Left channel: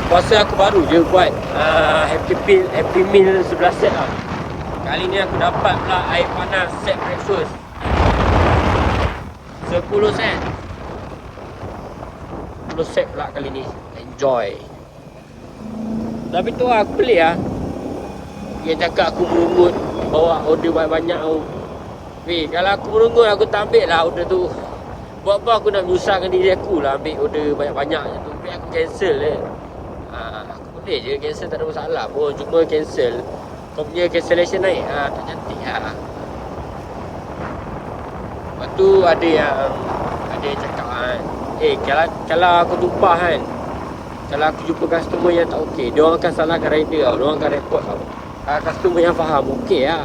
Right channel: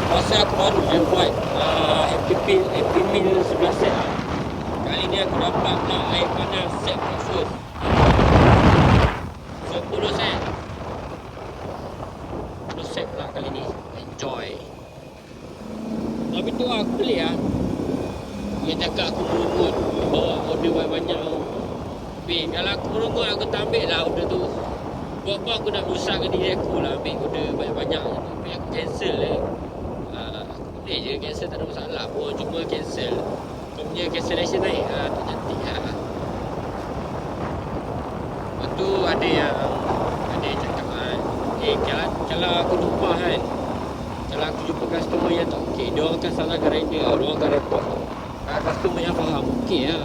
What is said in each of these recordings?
Aku rasa aku baru je buat Happy Meal 11 set lah. Kali ni aku dapat pula air panas set breakfast 10 set 10 set pula kali ni. Enjoy. Tapi tu lah aku pelik lah yang cakap aku merungut bawa order banyak-banyak tu. Kalau aku merungut aku tak ambil lah order tu. Buat apa aku nak menyusahkan diri aku lah ambil order banyak-banyak tu. Aku cancel je. Aku boleh je cancel, tak ada masalah pun. Cuma cancel kau punya cancellation naik tak cantik lah. Lepas tu ada yang cakap kalau aku tumpah kan, kalau aku jumpa customer yang tak okey, dia orang akan salahkan rider tau. Dia orang akan report tau. Customer yang faham okey lah.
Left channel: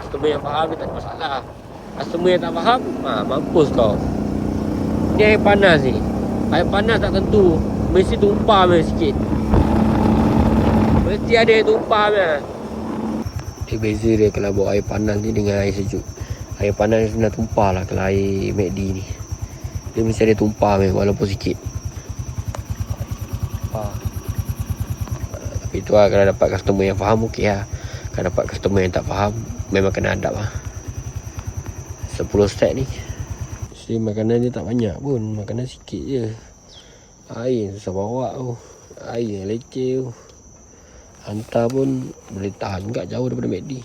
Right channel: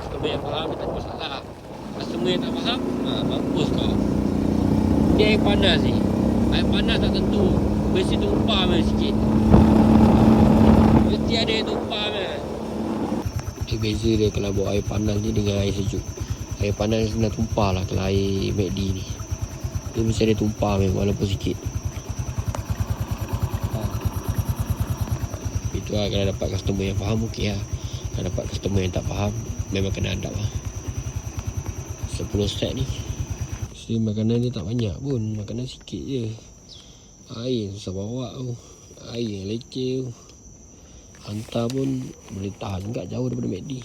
Customer yang faham dia tak ada masalah. Customer yang tak faham mampus kau. Ni air panas ni. Air panas tak tentu mesti tumpah sikit. Mesti ada yang tumpah dia. Beza dia kalau bawa air panas ni dengan air sejuk. Air panas ni senang tumpah lah. Kalau air McD ni dia mesti ada tumpah walaupun sikit. Tapi tu lah, kalau dapat customer yang faham okey lah. Kalau dapat customer yang tak faham, memang kena adab lah. 10 set ni makanan dia tak banyak pun. Makanan sikit je. Air susah bawa tu. Air yang leceh tu. Hantar pun boleh tahan juga jauh daripada McD.